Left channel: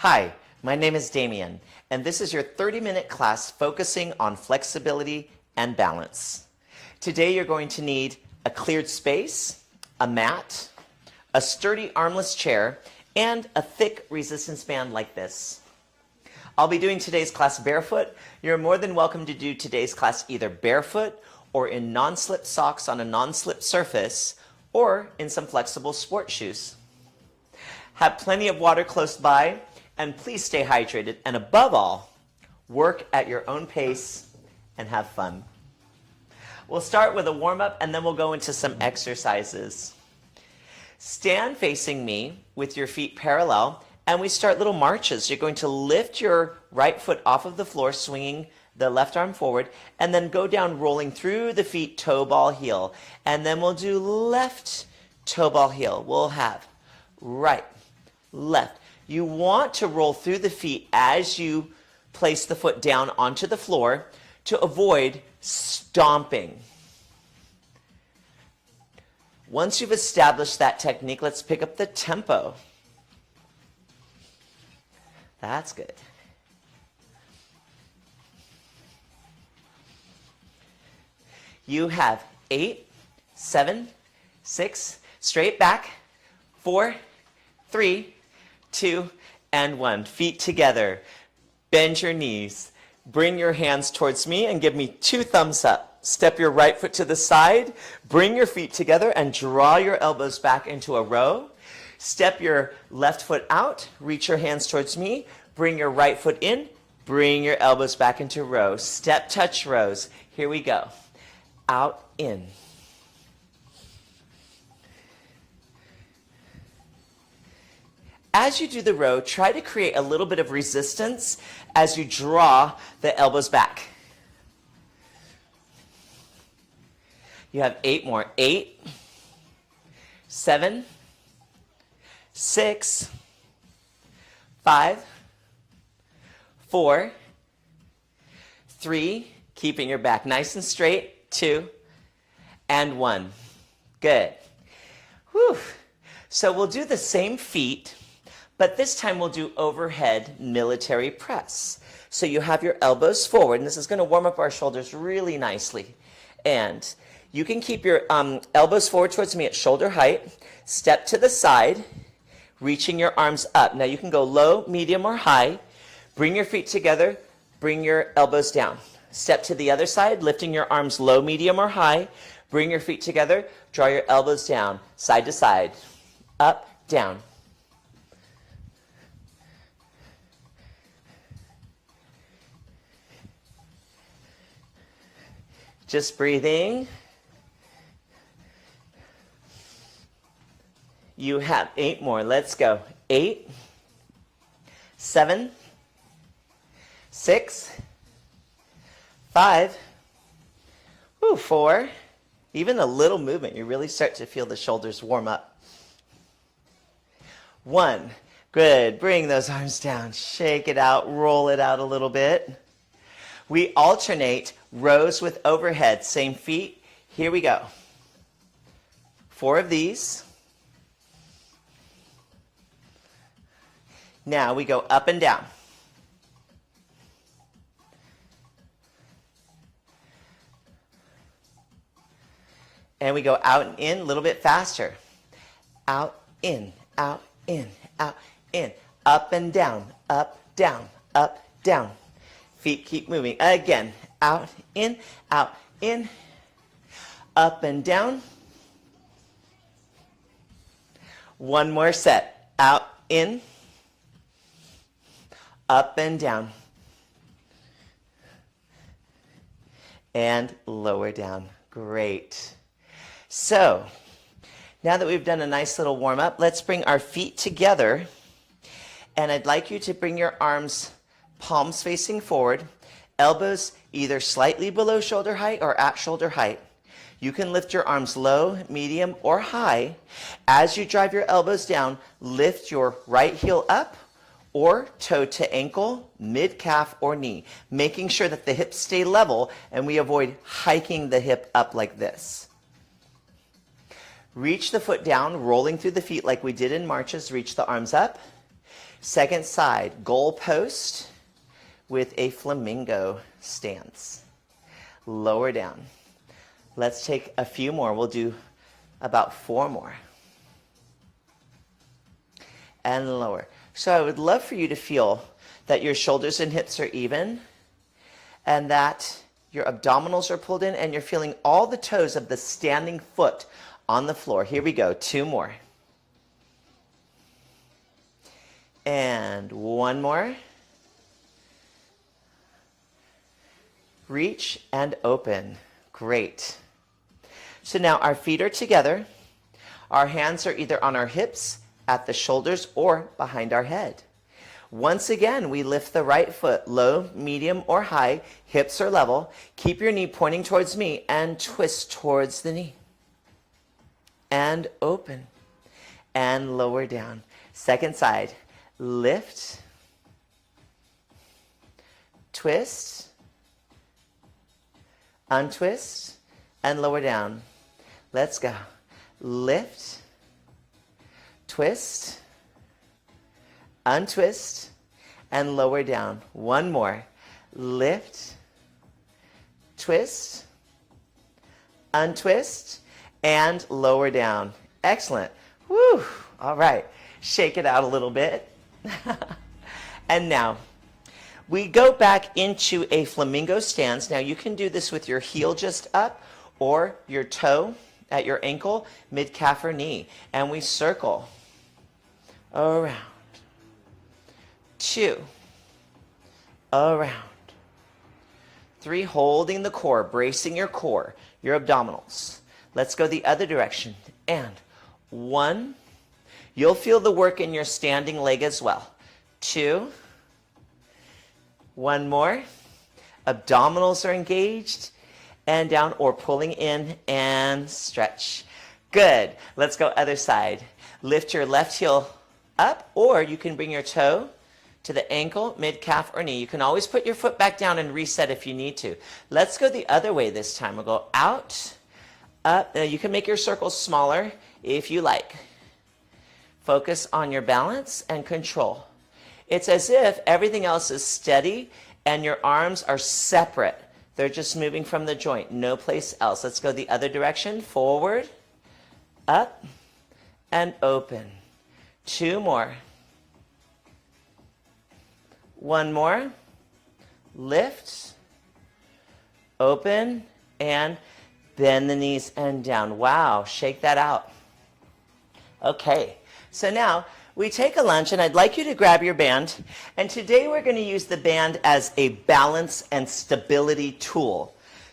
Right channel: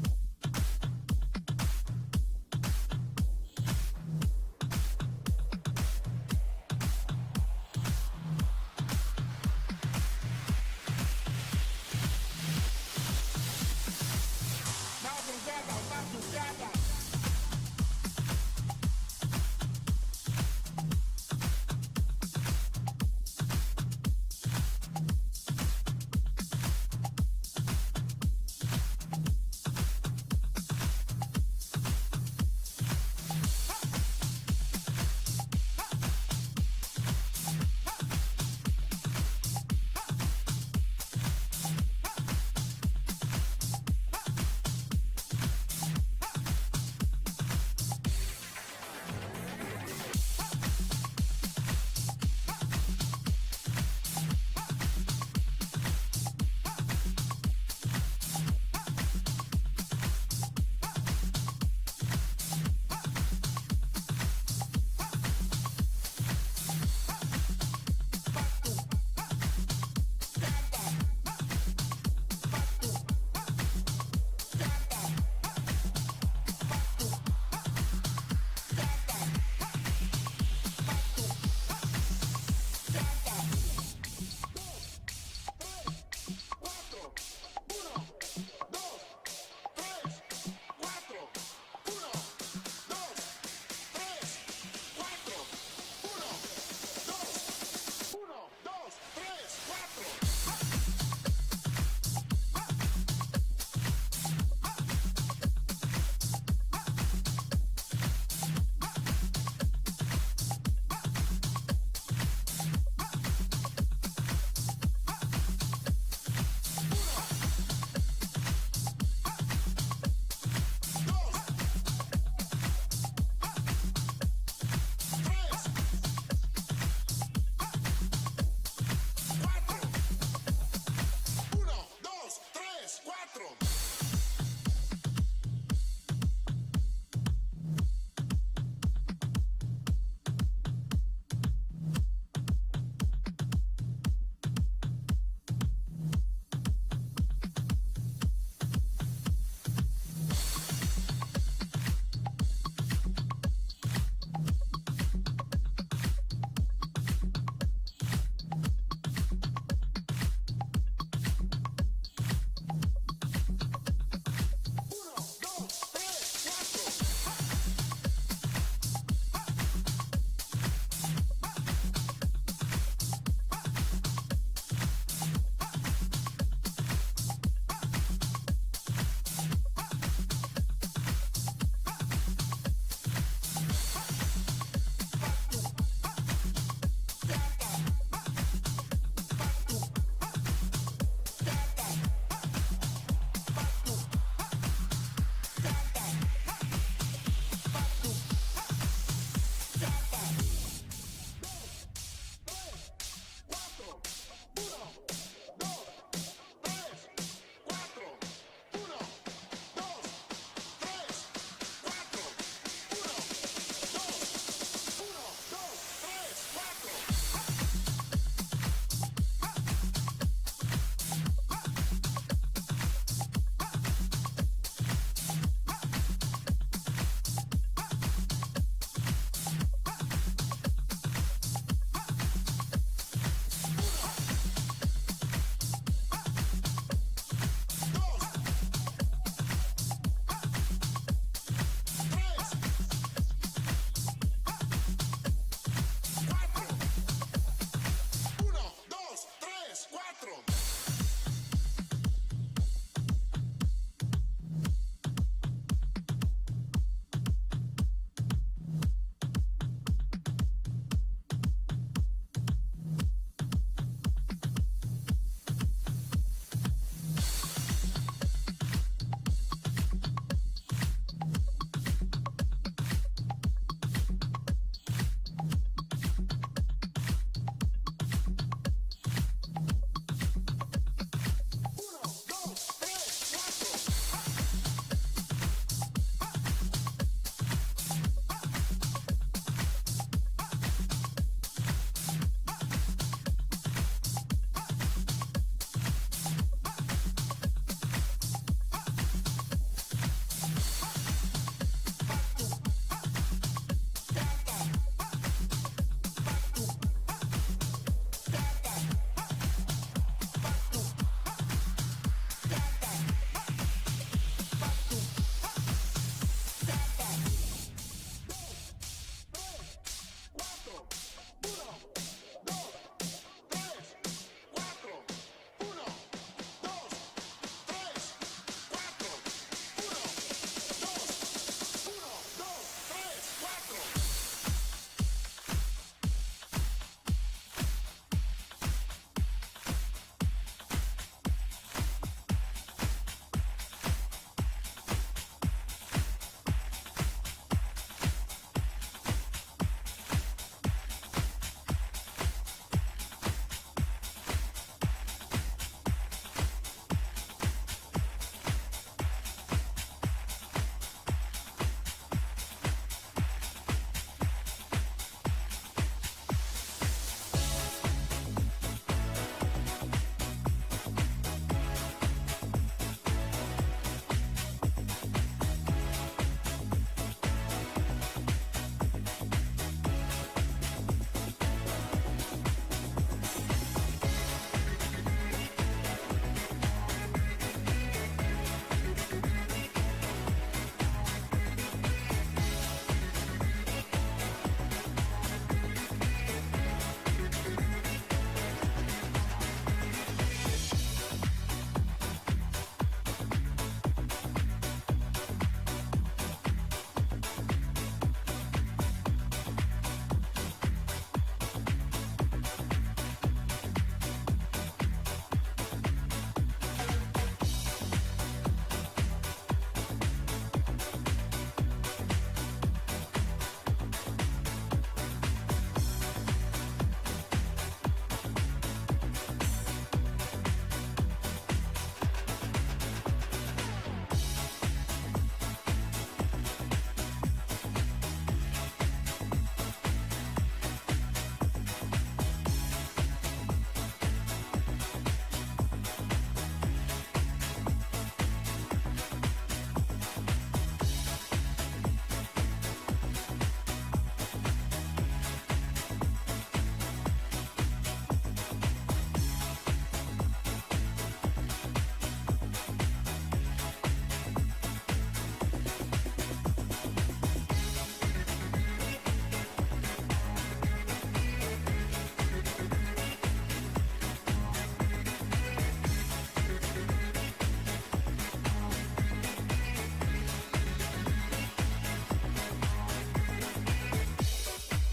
Hi, my name is Damien, and this is your 30-minute class focusing on flexibility and balance. Today you're going to need a cleared space, a mat, a sturdy armless chair, and a thick resistance band like this. I'll be doing today's class barefoot. You're more than welcome to do today's class either barefoot or in non-slip socks on a non-slip surface or in some flexible sport shoes. Have plenty of water close by, and please stay hydrated, and above all, work at your own pace and have fun. We'll start with a warm-up and then we'll go into some exercises. Stand facing me with your feet parallel, and we start little marches. You're going to lift your right foot off of the floor, swinging the left arm forward, and then go down rolling through the feet, toe ball heel. And then we'll do left toe ball heel. We'll have right, left. You want to roll through the feet as you place the foot down onto the floor to avoid stomping. Once you've established that technique, let's pick up the tempo. That's good. You have 8, 7, 6, straight back, 4, 3, 2, and 1. Feet together. Bend your knees. Bring your hands towards me and give me 2 thumbs up. Step your right foot to the side. Bring your feet together and draw your elbows back into a row. Step your left foot out. Reach your hands towards me. Bring your right foot in. Bring your elbows back into row. Step, touch, rows. Here we go. Out, in. As you do the row, try to create a little bit of resistance as you draw the elbows back. You have 8 more. 8, 7, 6, 5, 4, 3, keeping your back nice and straight, 2, and 1. Good. Whew. So we'll do the same feet, but this time we'll do overhead military press. So you have your elbows forward, and this is going to warm up our shoulders really nicely. And you can keep your elbows forward towards me at shoulder height. Step to the side, reaching your arms up. Now you can go low, medium, or high. Bring your feet together, bring your elbows down. Step to the other side, lifting your arms low, medium, or high. Bring your feet together, draw your elbows down, side to side, up, down. Just breathing. You have 8 more. Let's go. 8, 7, 6, 5, 4. Even a little movement, you really start to feel the shoulders warm up. 1. Good. Bring those arms down. Shake it out. Roll it out a little bit. We alternate rows with overhead. Same feet. Here we go. 4 of these. Now we go up and down. And we go out and in a little bit faster. Out, in, out, in, out, in. Up and down, up, down, up, down. Feet keep moving. Again, out, in, up and down. 1 more set. Out, in, up and down. And lower down. Great. So, now that we've done a nice little warm up, let's bring our feet together. And I'd like you to bring your arms palms facing forward, elbows either slightly below shoulder height or at shoulder height. You can lift your arms low, medium, or high. As you drive your elbows down, lift your right heel up or toe to ankle, mid-calf, or knee, making sure that the hips stay level and we avoid hiking the hip up like this. Reach the foot down, rolling through the feet like we did in marches. Reach the arms up. Second side, goal post with a flamingo stance. Lower down. Let's take a few more. We'll do about 4 more. And lower. So I would love for you to feel that your shoulders and hips are even and that your abdominals are pulled in and you're feeling all the toes of the standing foot on the floor. Here we go, 2 more. And 1 more. Reach and open. Great. So now our feet are together. Our hands are either on our hips, at the shoulders, or behind our head. Once again, we lift the right foot, low, medium, or high. Hips are level. Keep your knee pointing towards me and twist towards the knee. And open. And lower down. Second side. Lift. Twist. Untwist. And lower down. Let's go. Lift. Twist. Untwist. And lower down. 1 more. Lift. Twist. Untwist. And lower down. Excellent. Woo. All right. Shake it out a little bit. And now, we go back into a flamingo stance. Now you can do this with your heel just up or your toe at your ankle, mid-calf or knee. And we circle around. 2. Around. 3, holding the core, bracing your core, your abdominals. Let's go the other direction. And 1. You'll feel the work in your standing leg as well. 2. 1 more. Abdominals are engaged. And down or pulling in and stretch. Good. Let's go other side. Lift your left heel up, or you can bring your toe to the ankle, mid-calf, or knee. You can always put your foot back down and reset if you need to. Let's go the other way this time. We'll go out, up. You can make your circles smaller if you like. Focus on your balance and control. It's as if everything else is steady and your arms are separate. They're just moving from the joint, no place else. Let's go the other direction. Forward, up, and open. 2 more. 1 more. Lift, open, and bend the knees and down. Wow, shake that out. Okay, so now we take a lunge, and I'd like you to grab your band. And today we're going to use the band as a balance and stability tool.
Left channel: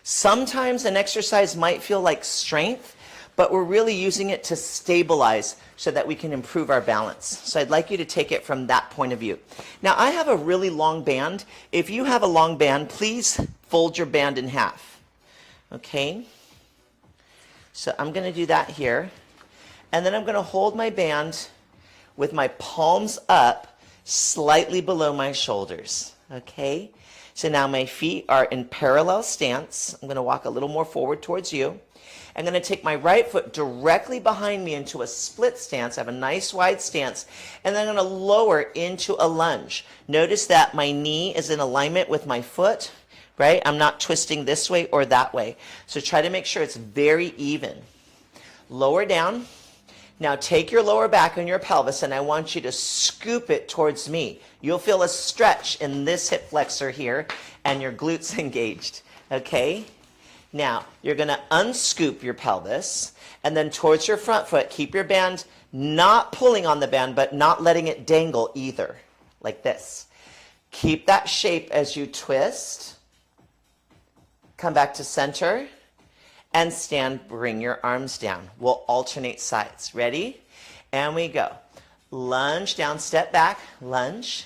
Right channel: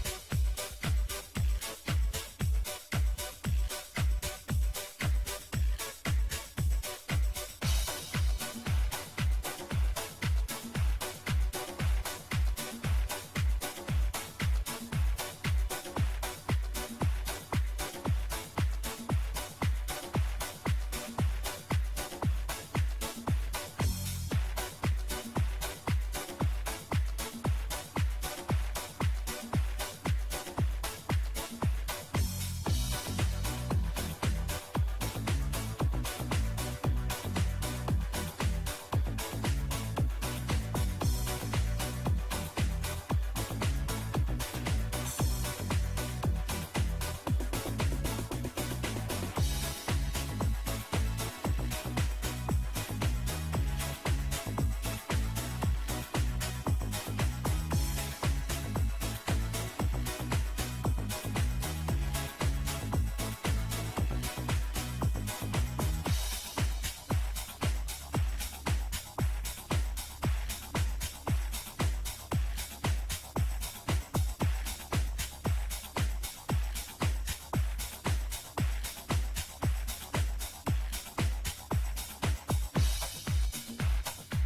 Sometimes an exercise might feel like strength, but we're really using it to stabilize so that we can improve our balance. So I'd like you to take it from that point of view. Now I have a really long band. If you have a long band, please fold your band in half. Okay? So I'm going to do that here. And then I'm going to hold my band with my palms up, slightly below my shoulders, okay? So now my feet are in parallel stance. I'm gonna walk a little more forward towards you. I'm gonna take my right foot directly behind me into a split stance. I have a nice wide stance. And then I'm gonna lower into a lunge. Notice that my knee is in alignment with my foot, right? I'm not twisting this way or that way. So try to make sure it's very even. Lower down. Now take your lower back and your pelvis, and I want you to scoop it towards me. You'll feel a stretch in this hip flexor here and your glutes engaged, okay? Now, you're gonna unscoop your pelvis and then towards your front foot, keep your band not pulling on the band, but not letting it dangle either, like this. Keep that shape as you twist. Come back to center. And stand, bring your arms down. We'll alternate sides. Ready? And we go. Lunge down, step back, lunge.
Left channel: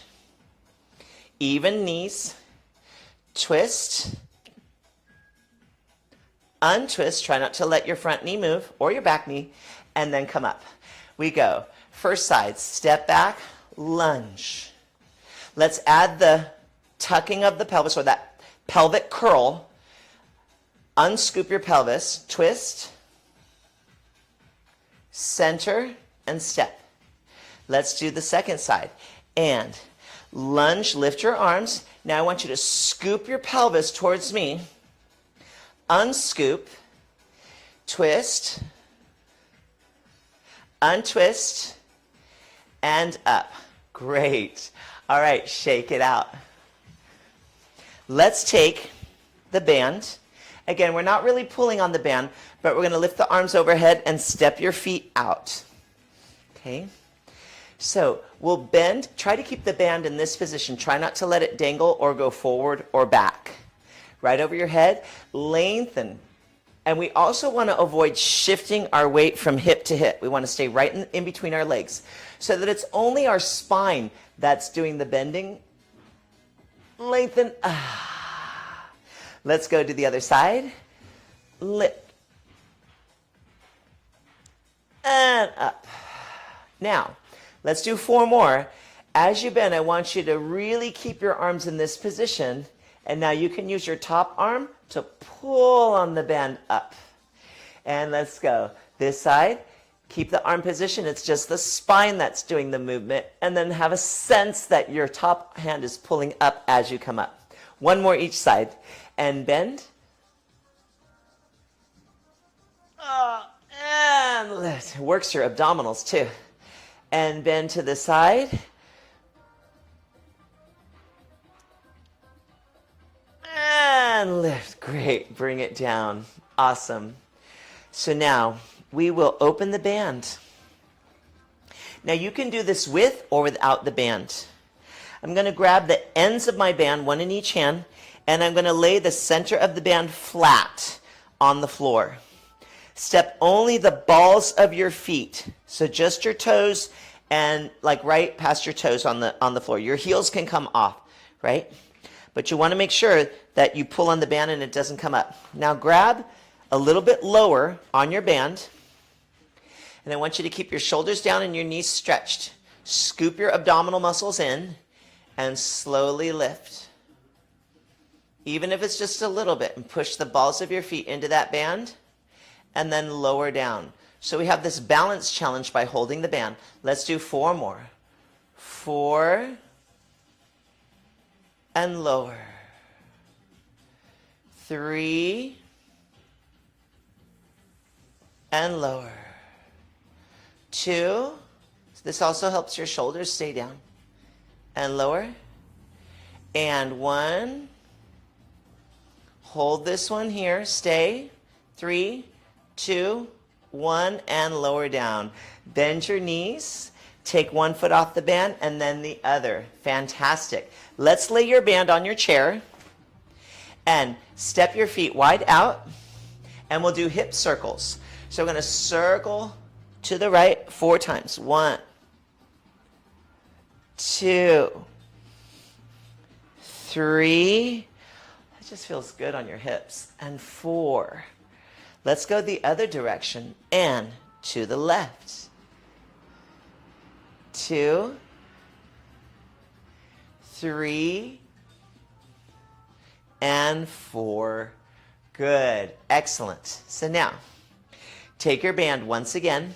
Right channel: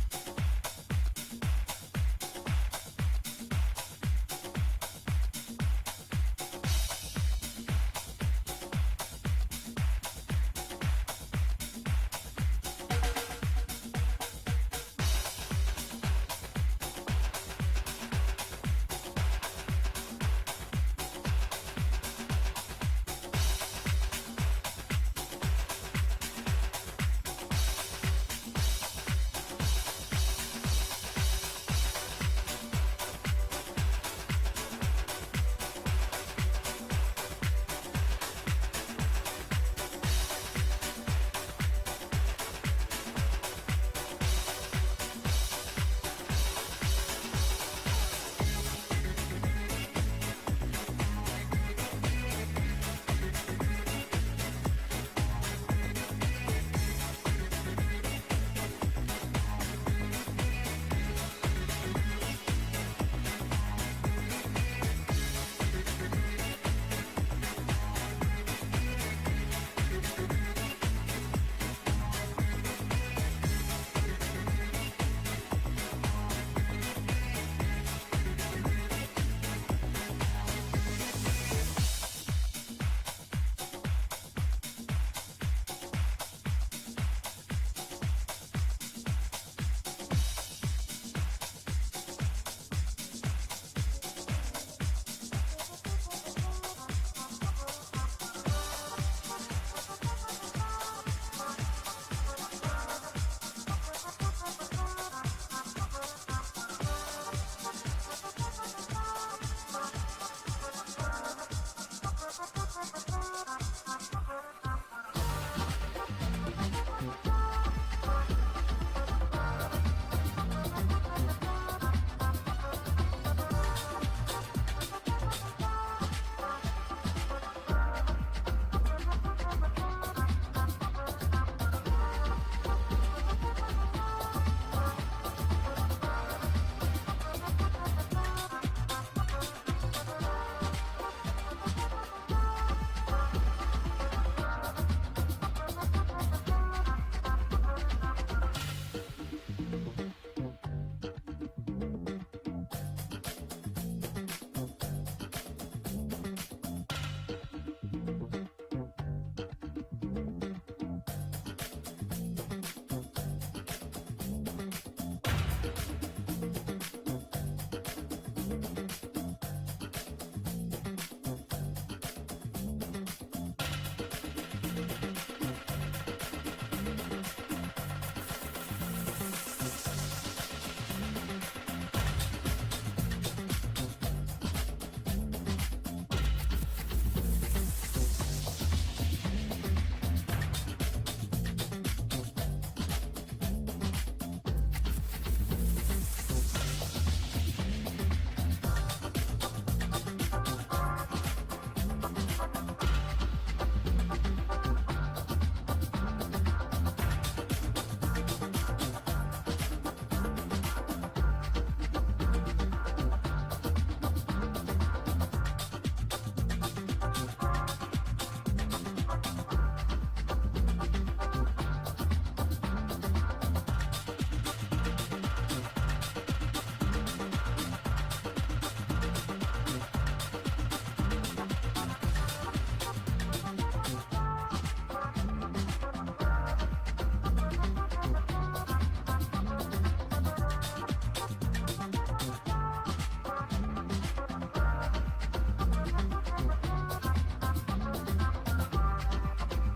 Even knees. Twist. Untwist, try not to let your front knee move or your back knee, and then come up. We go. First side, step back, lunge. Let's add the tucking of the pelvis or that pelvic curl. Unscoop your pelvis, twist, center, and step. Let's do the second side. And lunge, lift your arms. Now I want you to scoop your pelvis towards me. Unscoop, twist, untwist, and up. Great. All right, shake it out. Let's take the band. Again, we're not really pulling on the band, but we're going to lift the arms overhead and step your feet out. Okay? So we'll bend. Try to keep the band in this position. Try not to let it dangle or go forward or back. Right over your head, lengthen. And we also want to avoid shifting our weight from hip to hip. We want to stay right in between our legs so that it's only our spine that's doing the bending. Lengthen. Let's go to the other side. Lift. And up. Now, let's do 4 more. As you bend, I want you to really keep your arms in this position. And now you can use your top arm to pull on the band up. And let's go. This side, keep the arm position. It's just the spine that's doing the movement. And then have a sense that your top hand is pulling up as you come up. 1 more each side. And bend. And lift. Works your abdominals too. And bend to the side. And lift. Great. Bring it down. Awesome. So now we will open the band. Now you can do this with or without the band. I'm going to grab the ends of my band, one in each hand, and I'm going to lay the center of the band flat on the floor. Step only the balls of your feet. So just your toes and like right past your toes on the floor. Your heels can come off, right? But you want to make sure that you pull on the band and it doesn't come up. Now grab a little bit lower on your band. And I want you to keep your shoulders down and your knees stretched. Scoop your abdominal muscles in and slowly lift. Even if it's just a little bit, and push the balls of your feet into that band and then lower down. So we have this balance challenge by holding the band. Let's do 4 more. 4 and lower. 3 and lower. 2. This also helps your shoulders stay down. And lower. And 1. Hold this one here. Stay. 3, 2, 1, and lower down. Bend your knees. Take one foot off the band and then the other. Fantastic. Let's lay your band on your chair and step your feet wide out, and we'll do hip circles. So we're going to circle to the right 4 times. 1, 2, 3. Just feels good on your hips. And 4. Let's go the other direction and to the left. 2, 3, and 4. Good. Excellent. So now, take your band once again.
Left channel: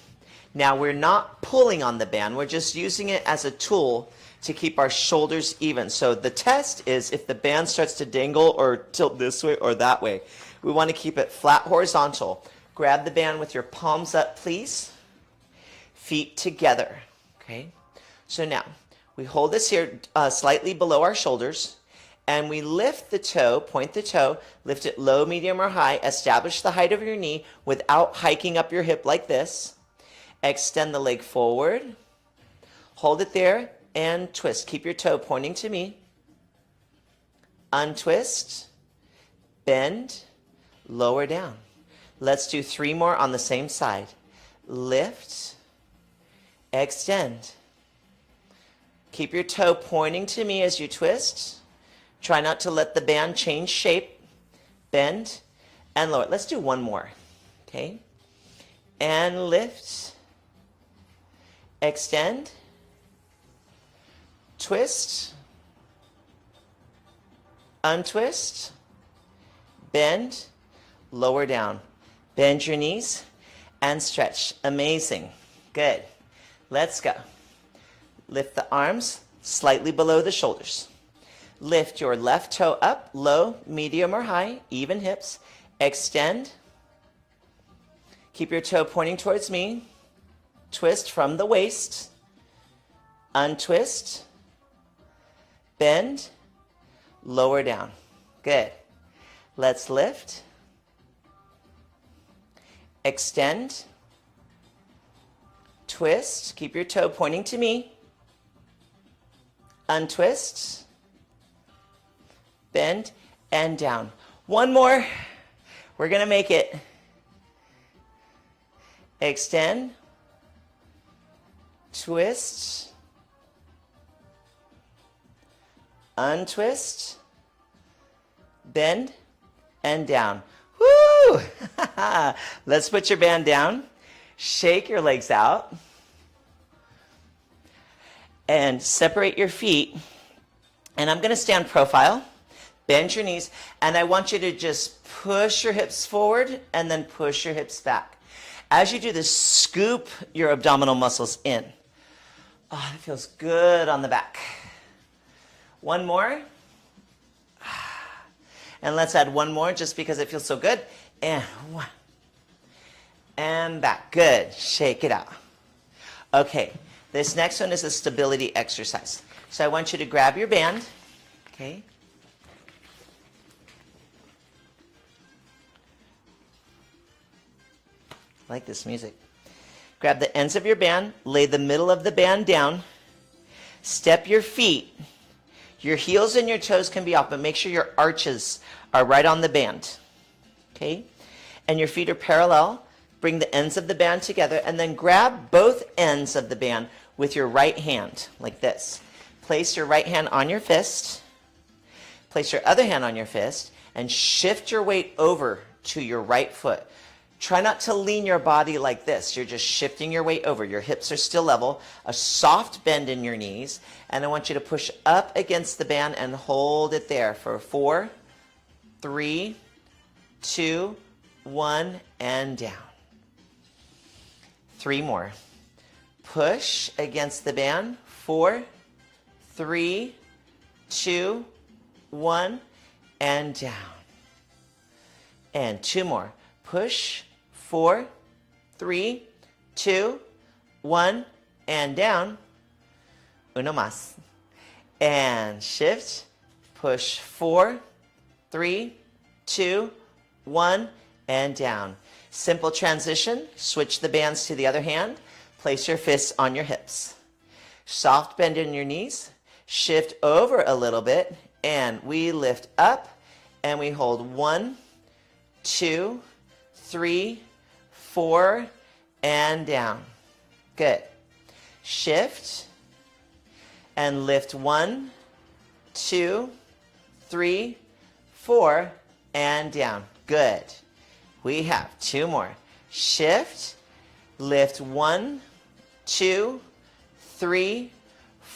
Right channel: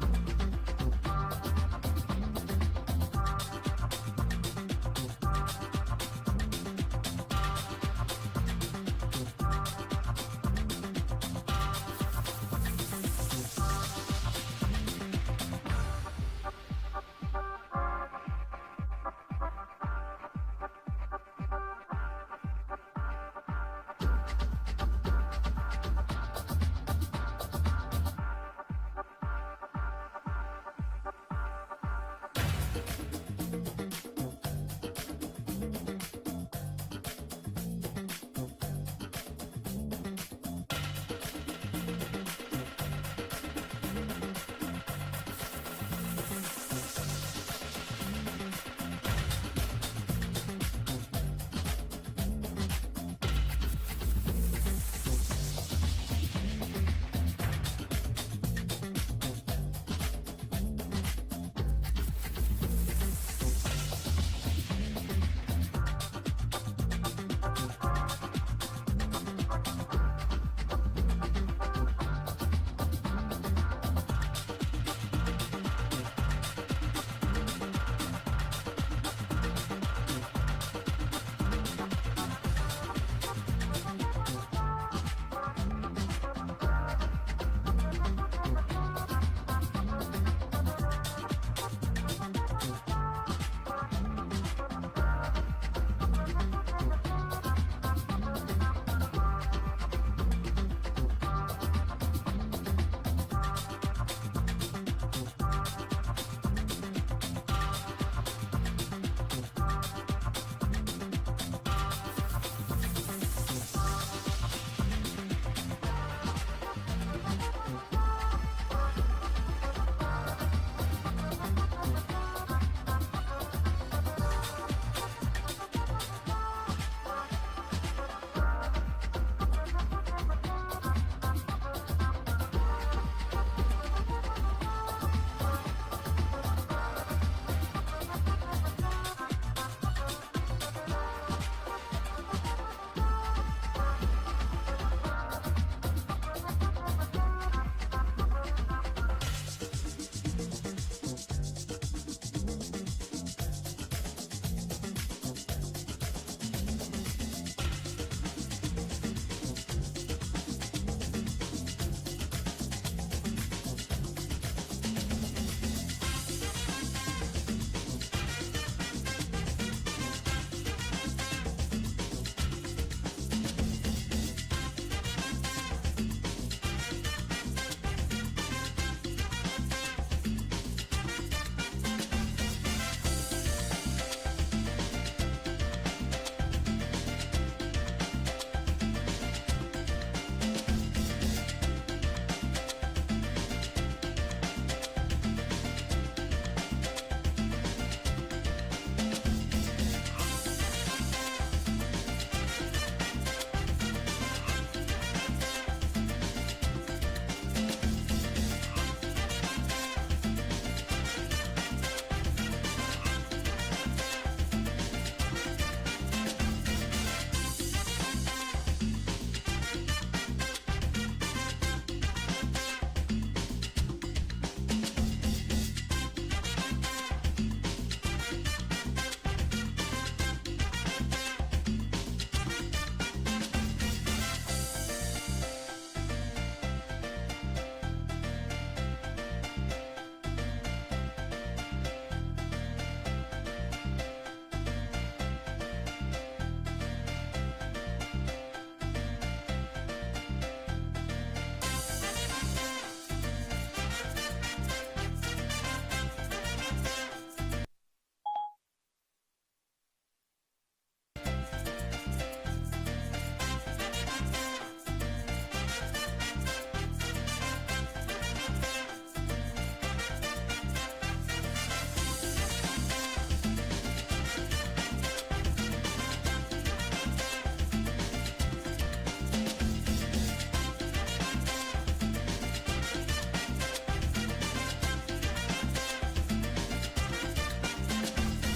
Now we're not pulling on the band. We're just using it as a tool to keep our shoulders even. So the test is if the band starts to dangle or tilt this way or that way. We want to keep it flat horizontal. Grab the band with your palms up, please. Feet together. Okay. So now we hold this here slightly below our shoulders, and we lift the toe, point the toe, lift it low, medium, or high. Establish the height of your knee without hiking up your hip like this. Extend the leg forward. Hold it there and twist. Keep your toe pointing to me. Untwist. Bend. Lower down. Let's do 3 more on the same side. Lift. Extend. Keep your toe pointing to me as you twist. Try not to let the band change shape. Bend and lower. Let's do 1 more. Okay. And lift. Extend. Twist. Untwist. Bend. Lower down. Bend your knees and stretch. Amazing. Good. Let's go. Lift the arms, slightly below the shoulders. Lift your left toe up, low, medium, or high, even hips. Extend. Keep your toe pointing towards me. Twist from the waist. Untwist. Bend. Lower down. Good. Let's lift. Extend. Twist. Keep your toe pointing to me. Untwist. Bend and down. One more. We're gonna make it. Extend. Twist. Untwist. Bend and down. Woo! Let's put your band down. Shake your legs out. And separate your feet. And I'm gonna stand profile. Bend your knees. And I want you to just push your hips forward and then push your hips back. As you do this, scoop your abdominal muscles in. Oh, it feels good on the back. One more. And let's add one more just because it feels so good. And one. And back. Good. Shake it out. Okay. This next one is a stability exercise. So I want you to grab your band. Okay. I like this music. Grab the ends of your band, lay the middle of the band down, step your feet. Your heels and your toes can be off, but make sure your arches are right on the band. Okay? And your feet are parallel. Bring the ends of the band together and then grab both ends of the band with your right hand, like this. Place your right hand on your fist. Place your other hand on your fist and shift your weight over to your right foot. Try not to lean your body like this. You're just shifting your weight over. Your hips are still level. A soft bend in your knees. And I want you to push up against the band and hold it there for 4, 3, 2, 1, and down. 3 more. Push against the band. 4, 3, 2, 1, and down. And 2 more. Push. 4, 3, 2, 1, and down. Uno más. And shift. Push. 4, 3, 2, 1, and down. Simple transition. Switch the bands to the other hand. Place your fists on your hips. Soft bend in your knees. Shift over a little bit. And we lift up. And we hold 1, 2, 3, 4, and down. Good. Shift. And lift 1, 2, 3, 4, and down. Good. We have 2 more. Shift, lift 1, 2, 3,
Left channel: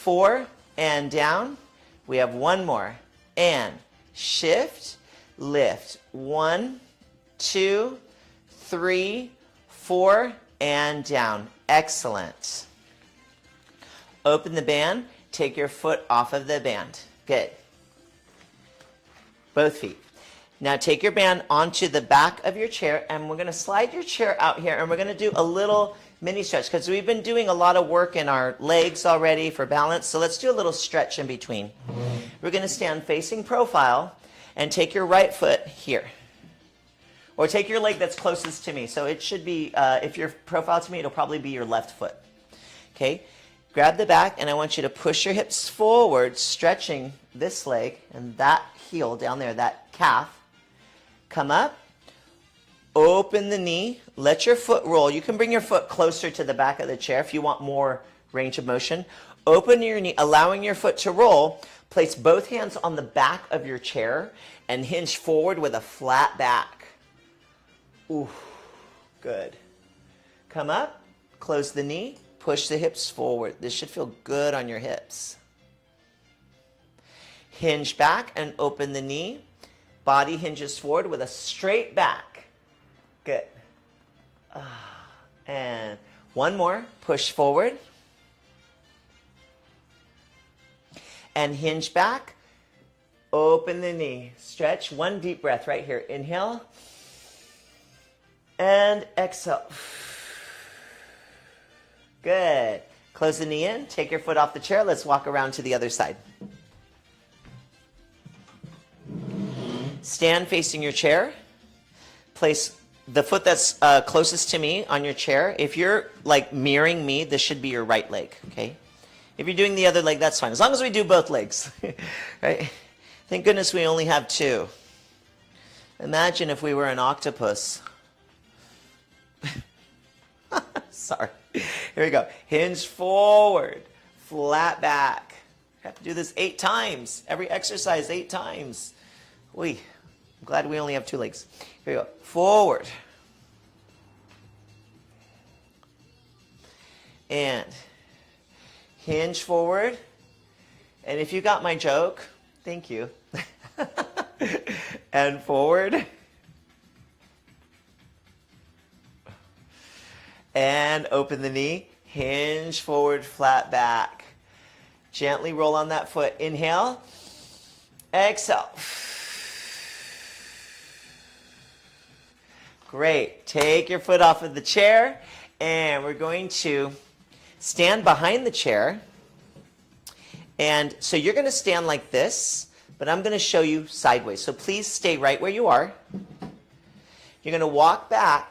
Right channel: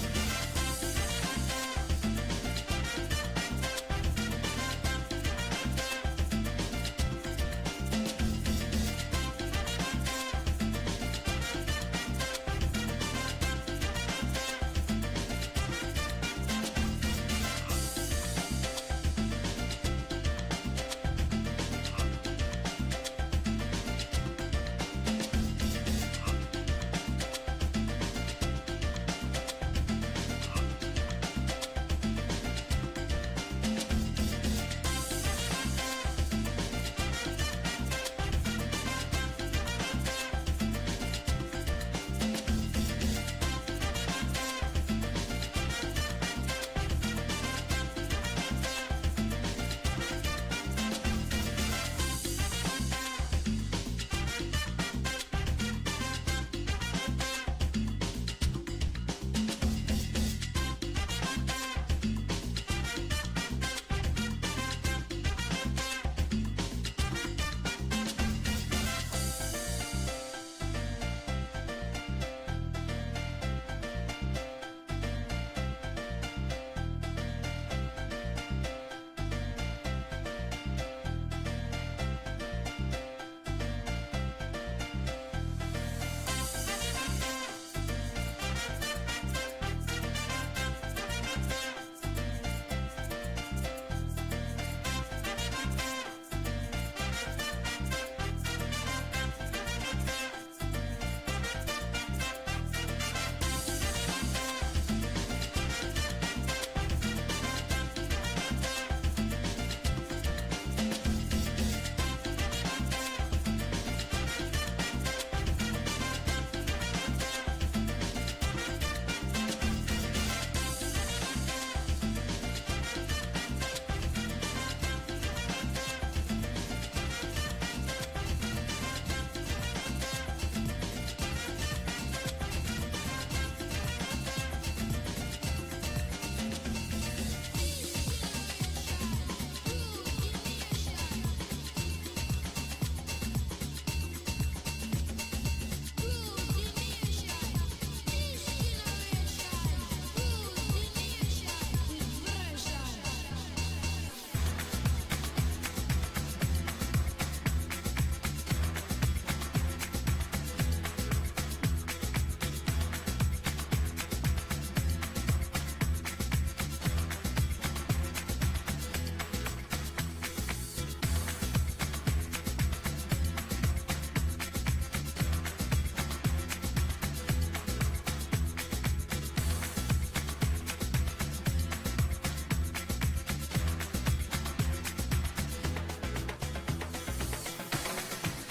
4, and down. We have 1 more. And shift, lift 1, 2, 3, 4, and down. Excellent. Open the band. Take your foot off of the band. Good. Both feet. Now take your band onto the back of your chair and we're gonna slide your chair out here and we're gonna do a little mini stretch because we've been doing a lot of work in our legs already for balance, so let's do a little stretch in between. We're gonna stand facing profile and take your right foot here. Or take your leg that's closest to me. So it should be, if you're profile to me, it'll probably be your left foot. Okay? Grab the back and I want you to push your hips forward, stretching this leg and that heel down there, that calf. Come up, open the knee, let your foot roll. You can bring your foot closer to the back of the chair if you want more range of motion. Open your knee, allowing your foot to roll. Place both hands on the back of your chair and hinge forward with a flat back. Ooh, good. Come up, close the knee, push the hips forward. This should feel good on your hips. Hinge back and open the knee. Body hinges forward with a straight back. Good. And 1 more. Push forward. and hinge back. Open the knee. Stretch. One deep breath right here. Inhale. And exhale. Good. Close the knee in. Take your foot off the chair. Let's walk around to the other side. Stand facing your chair. Place the foot that's closest to me on your chair. If you're like mirroring me, this should be your right leg, okay? If you're doing the other leg, that's fine. As long as we do both legs, right? Thank goodness we only have two. Imagine if we were an octopus. Sorry. Here we go. Hinge forward, flat back. Have to do this 8 times. Every exercise 8 times. Wait, glad we only have 2 legs. Here we go. Forward. And hinge forward. And if you got my joke, thank you. And forward. And open the knee. Hinge forward, flat back. Gently roll on that foot. Inhale. Exhale. Great. Take your foot off of the chair, and we're going to stand behind the chair. And so you're going to stand like this, but I'm going to show you sideways. So please stay right where you are. You're going to walk back,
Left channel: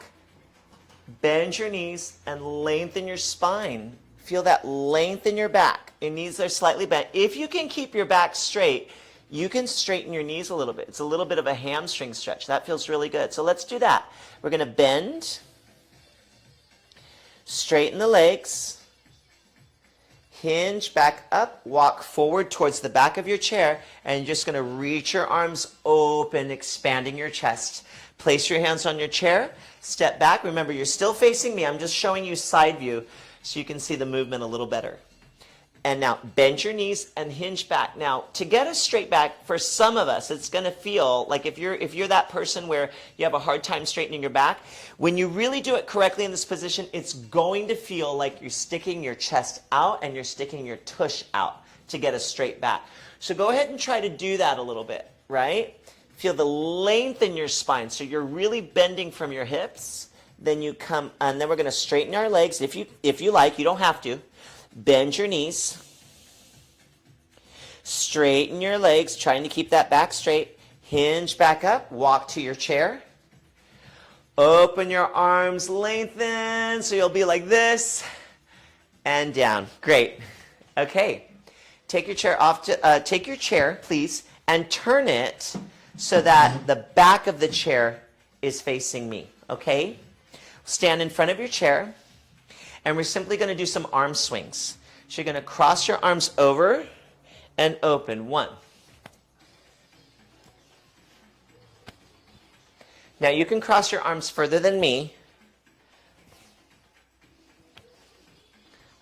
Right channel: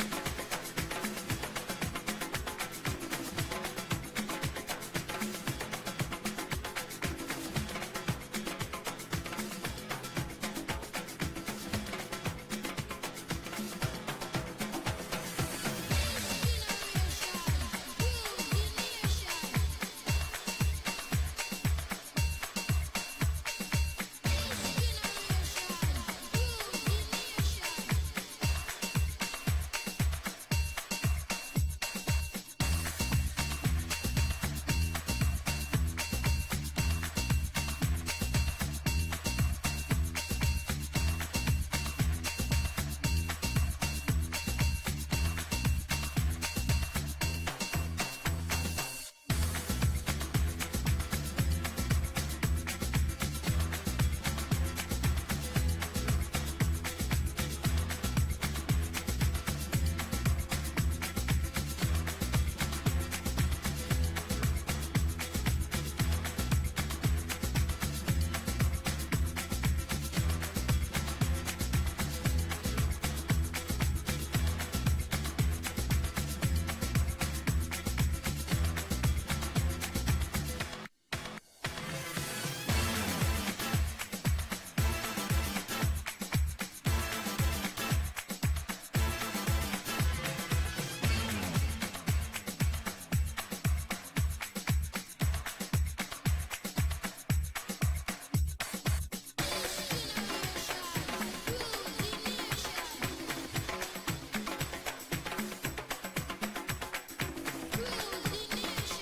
bend your knees, and lengthen your spine. Feel that length in your back. Your knees are slightly bent. If you can keep your back straight, you can straighten your knees a little bit. It's a little bit of a hamstring stretch. That feels really good. So let's do that. We're going to bend, straighten the legs, hinge back up, walk forward towards the back of your chair, and you're just going to reach your arms open, expanding your chest. Place your hands on your chair, step back. Remember, you're still facing me. I'm just showing you side view so you can see the movement a little better. And now bend your knees and hinge back. Now, to get a straight back, for some of us, it's going to feel like if you're that person where you have a hard time straightening your back, when you really do it correctly in this position, it's going to feel like you're sticking your chest out and you're sticking your tush out to get a straight back. So go ahead and try to do that a little bit, right? Feel the length in your spine. So you're really bending from your hips. Then you come, and then we're going to straighten our legs. If you like, you don't have to. Bend your knees, straighten your legs, trying to keep that back straight. Hinge back up, walk to your chair. Open your arms, lengthen, so you'll be like this, and down. Great. Okay, take your chair off. Take your chair, please, and turn it so that the back of the chair is facing me, okay? Stand in front of your chair. And we're simply going to do some arm swings. So you're going to cross your arms over and open. 1. Now you can cross your arms further than me.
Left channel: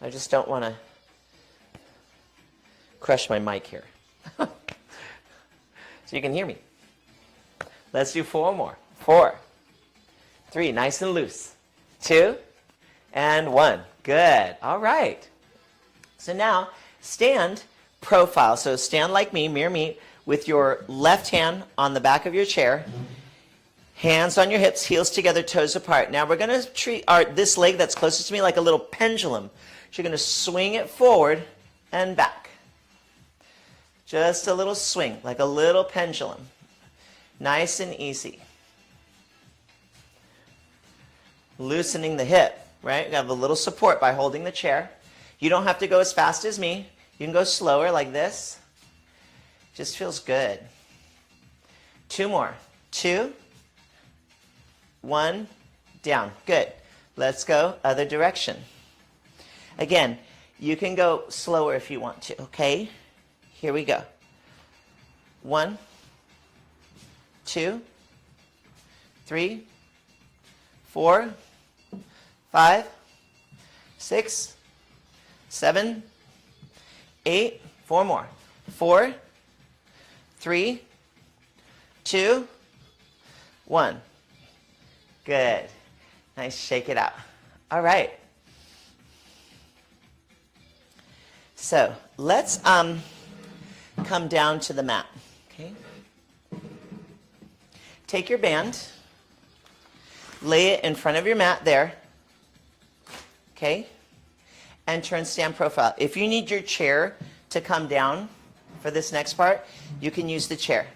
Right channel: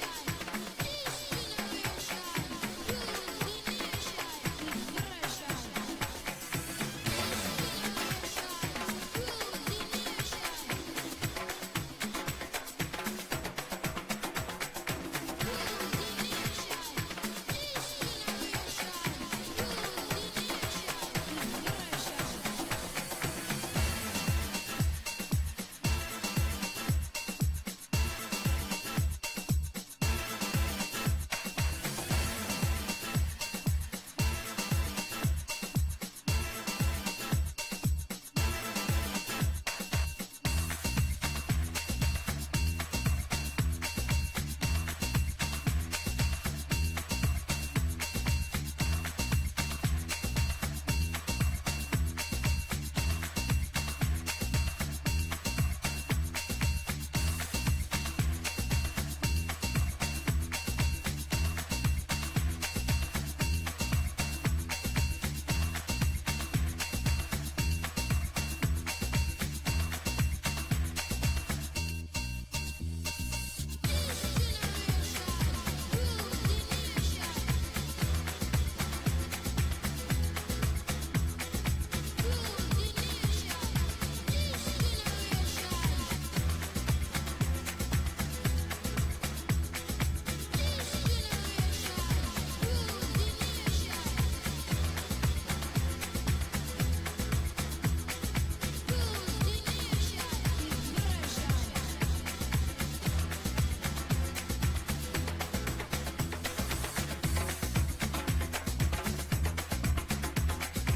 I just don't want to crush my mic here. So you can hear me. Let's do 4 more. 4, 3, nice and loose. 2, and 1. Good. All right. So now stand profile. So stand like me, mirror me, with your left hand on the back of your chair. Hands on your hips, heels together, toes apart. Now we're going to treat this leg that's closest to me like a little pendulum. So you're going to swing it forward and back. Just a little swing, like a little pendulum. Nice and easy. Loosening the hip. Right? You have a little support by holding the chair. You don't have to go as fast as me. You can go slower like this. Just feels good. 2 more. 2, 1, down. Good. Let's go other direction. Again, you can go slower if you want to, okay? Here we go. 1, 2, 3, 4, 5, 6, 7, 8, 4 more. 4, 3, 2, 1. Good. Nice, shake it out. All right. come down to the mat. Take your band, lay it in front of your mat there, okay? And turn stand profile. If you need your chair to come down for this next part, you can use the chair.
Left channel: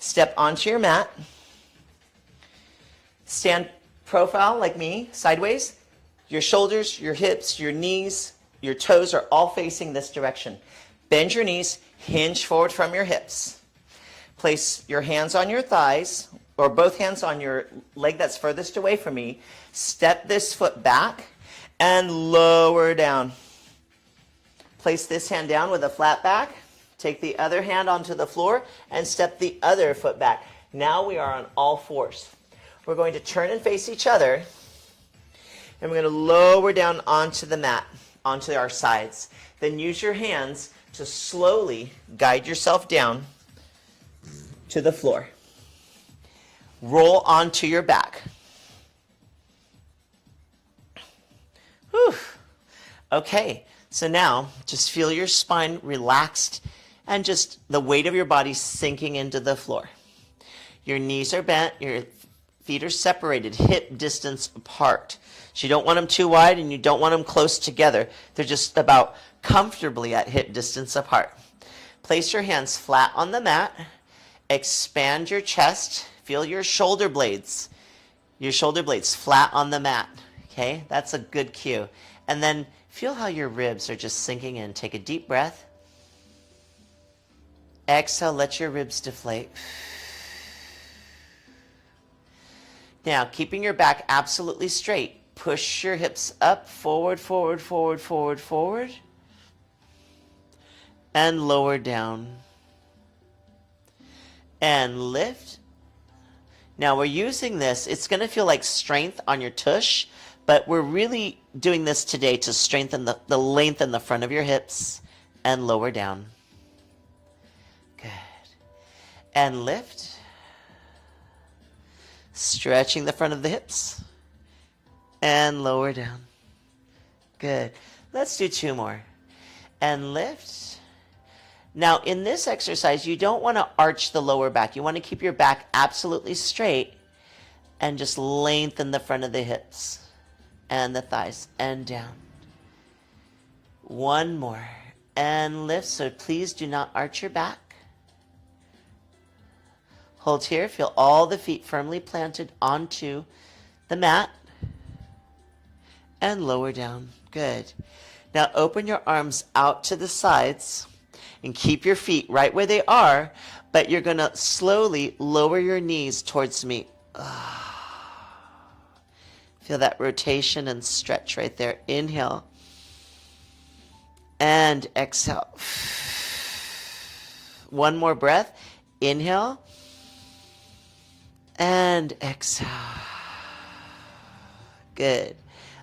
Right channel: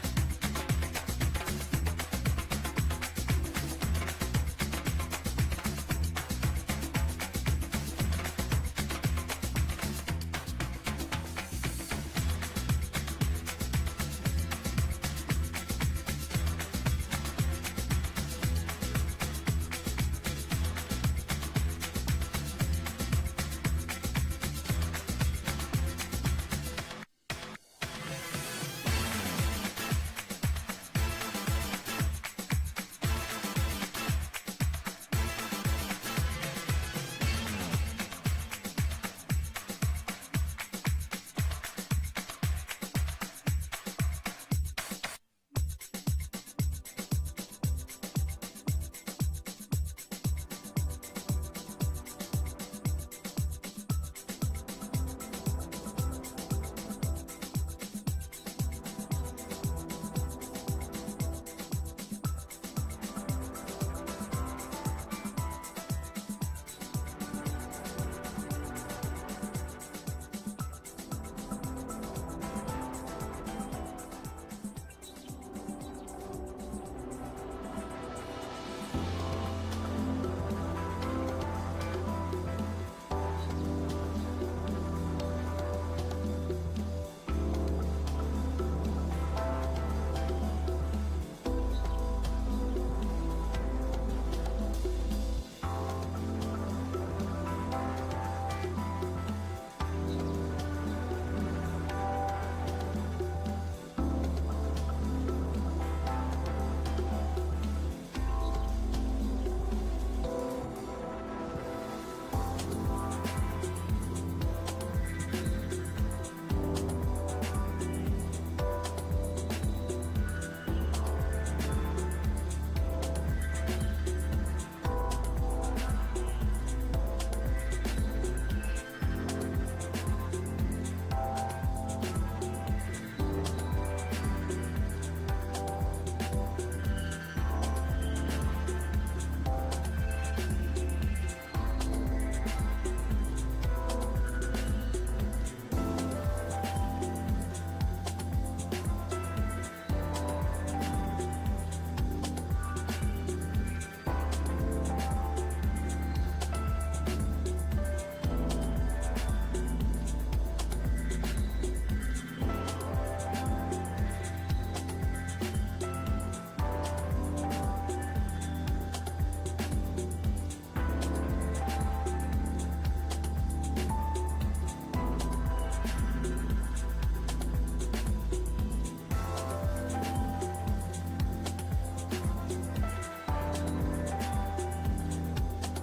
Step onto your mat, stand profile like me, sideways. Your shoulders, your hips, your knees, your toes are all facing this direction. Bend your knees, hinge forward from your hips. Place your hands on your thighs, or both hands on your leg that's furthest away from me. Step this foot back and lower down. Place this hand down with a flat back. Take the other hand onto the floor and step the other foot back. Now we are on all fours. We're going to turn and face each other. And we're going to lower down onto the mat, onto our sides. Then use your hands to slowly guide yourself down to the floor. Roll onto your back. Whew. Okay, so now just feel your spine relaxed and just the weight of your body sinking into the floor. Your knees are bent, your feet are separated, hip distance apart. So you don't want them too wide and you don't want them close together. They're just about comfortably at hip distance apart. Place your hands flat on the mat. Expand your chest. Feel your shoulder blades. Your shoulder blades flat on the mat. Okay, that's a good cue. And then feel how your ribs are just sinking in. Take a deep breath. Exhale, let your ribs deflate. Now, keeping your back absolutely straight. Push your hips up, forward, forward, forward, forward, forward. And lower down. And lift. Now we're using this, it's going to feel like strength on your tush, but we're really doing this today to strengthen the length in the front of your hips and lower down. Good. And lift. Stretching the front of the hips. And lower down. Good. Let's do two more. And lift. Now in this exercise, you don't want to arch the lower back. You want to keep your back absolutely straight and just lengthen the front of the hips and the thighs and down. One more. And lift, so please do not arch your back. Hold here, feel all the feet firmly planted onto the mat. And lower down. Good. Now open your arms out to the sides and keep your feet right where they are, but you're going to slowly lower your knees towards me. Feel that rotation and stretch right there. Inhale. And exhale. One more breath. Inhale. And exhale. Good.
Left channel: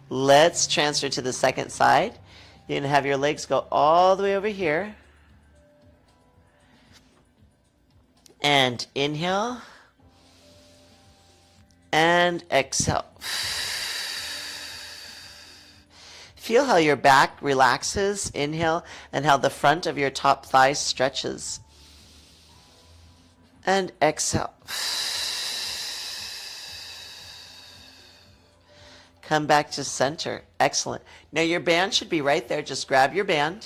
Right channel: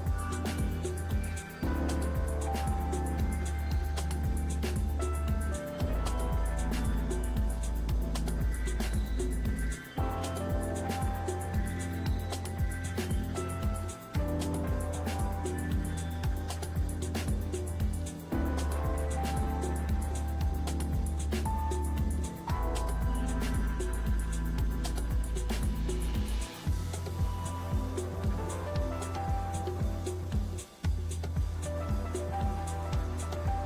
Let's transfer to the second side. You're going to have your legs go all the way over here. And inhale. And exhale. Feel how your back relaxes. Inhale. And how the front of your top thigh stretches. And exhale. Come back to center. Excellent. Now your band should be right there. Just grab your band.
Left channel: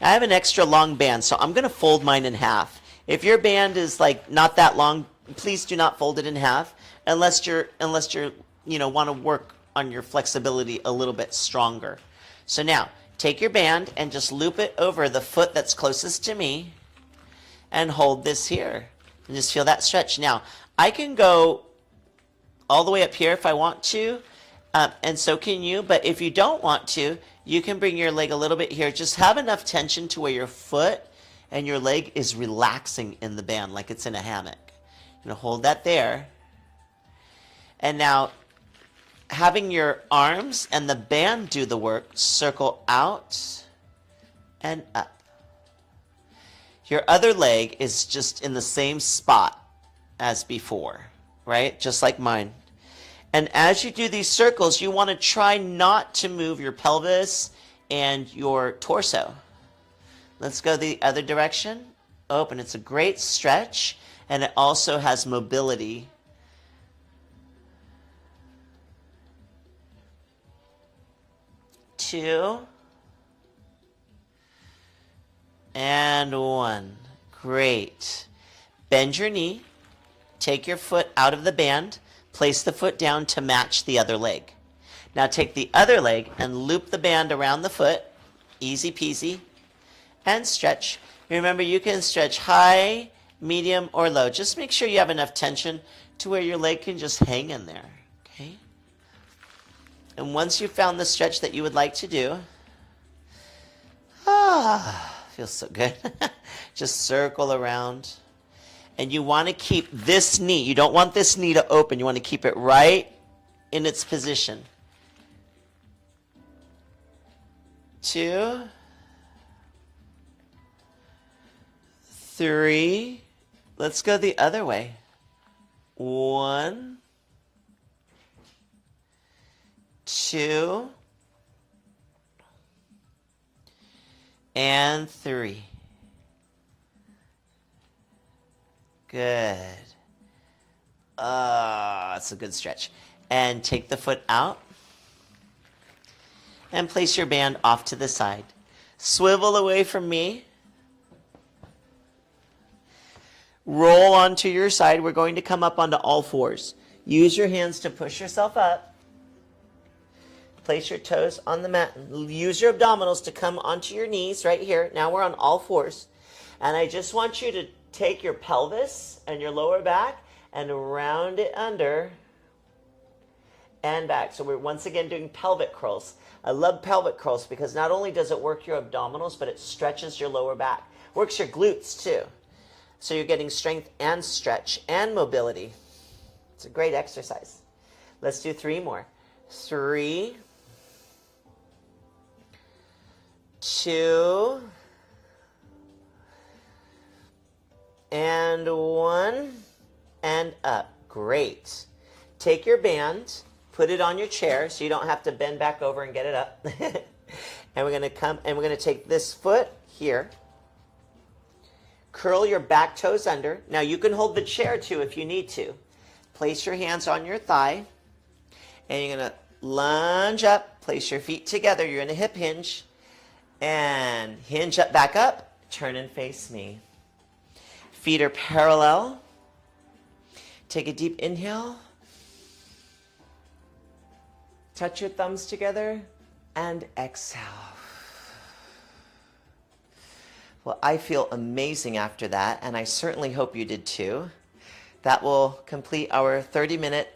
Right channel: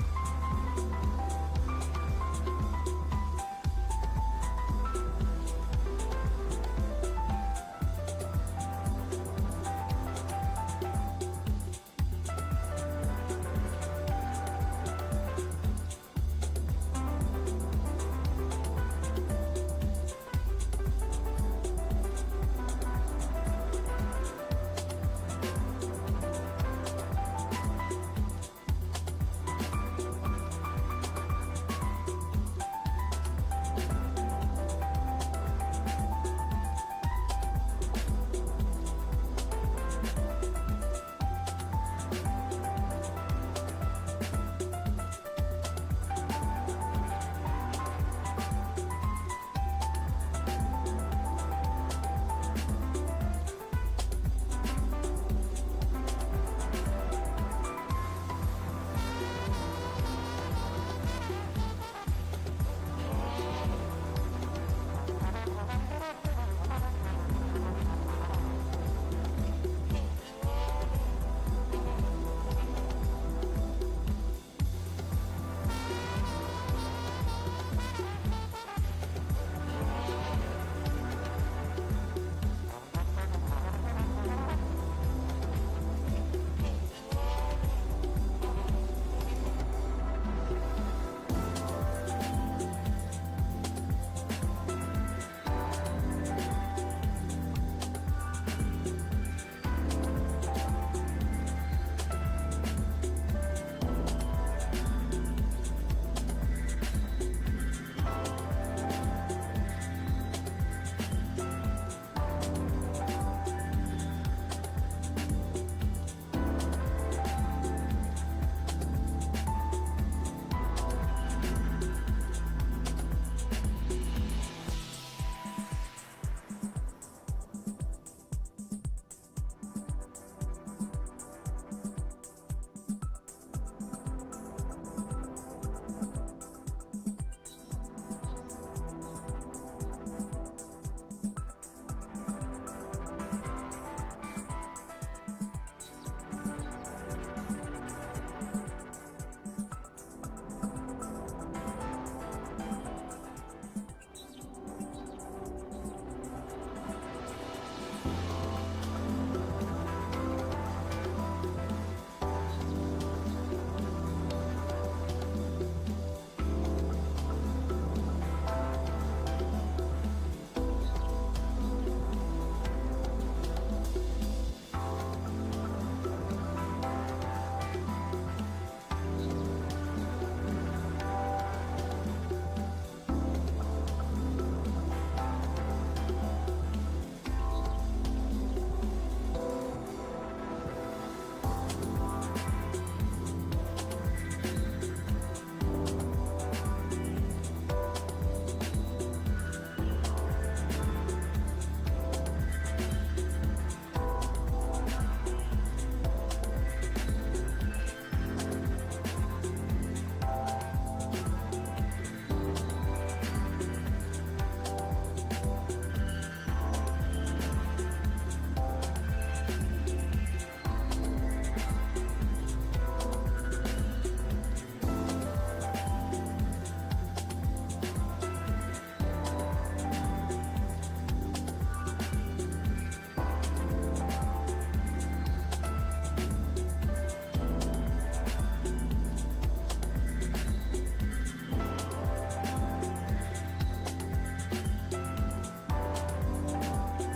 I have an extra long band, so I'm going to fold mine in half. If your band is like not that long, please do not fold it in half unless you're want to work on your flexibility a little bit stronger. So now take your band and just loop it over the foot that's closest to me and hold this here. And just feel that stretch. Now I can go all the way up here if I want to, and so can you, but if you don't want to, you can bring your leg a little bit here. Just have enough tension to where your foot and your leg is relaxing in the band like it's in a hammock. I'm gonna hold that there. And now, having your arms and the band do the work, circle out and up. Your other leg is just in the same spot as before, right? Just like mine. And as you do these circles, you want to try not to move your pelvis and your torso. Let's go the other direction. Open. It's a great stretch, and it also has mobility. 2 and 1. Great. Bend your knee. Take your foot out of the band. Place the foot down to match the other leg. Now take the other leg and loop the band around the foot. Easy peasy. And stretch. Remember, you can stretch high, medium, or low. Just make sure you have enough tension to where your leg can just hang in there. Okay? And once you've found the stretch that you would like to do, feels so good. Just circle around. And you want to keep this knee, you don't want this knee to open, you want to keep it right in its position. 2, 3, let's go the other way. 1, 2, and 3. Good. That's a good stretch. And take the foot out and place your band off to the side. Swivel away from me. Roll onto your side. We're going to come up onto all fours. Use your hands to push yourself up. Place your toes on the mat. Use your abdominals to come onto your knees right here. Now we're on all fours. And I just want you to take your pelvis and your lower back and round it under and back. So we're once again doing pelvic curls. I love pelvic curls because not only does it work your abdominals, but it stretches your lower back. Works your glutes too. So you're getting strength and stretch and mobility. It's a great exercise. Let's do 3 more. 3, 2, and 1, and up. Great. Take your band, put it on your chair so you don't have to bend back over and get it up. And we're gonna come and we're gonna take this foot here. Curl your back toes under. Now you can hold the chair too if you need to. Place your hands on your thigh and you're gonna lunge up, place your feet together. You're in a hip hinge and hinge up, back up, turn and face me. Feet are parallel. Take a deep inhale. Touch your thumbs together and exhale. Well, I feel amazing after that, and I certainly hope you did too. That will complete our 30-minute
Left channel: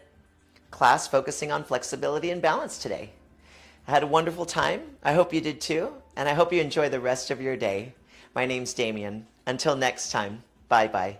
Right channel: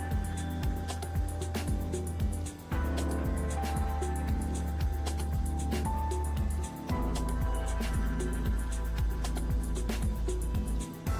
class focusing on flexibility and balance today. I had a wonderful time. I hope you did too, and I hope you enjoy the rest of your day. My name's Damien. Until next time. Bye-bye.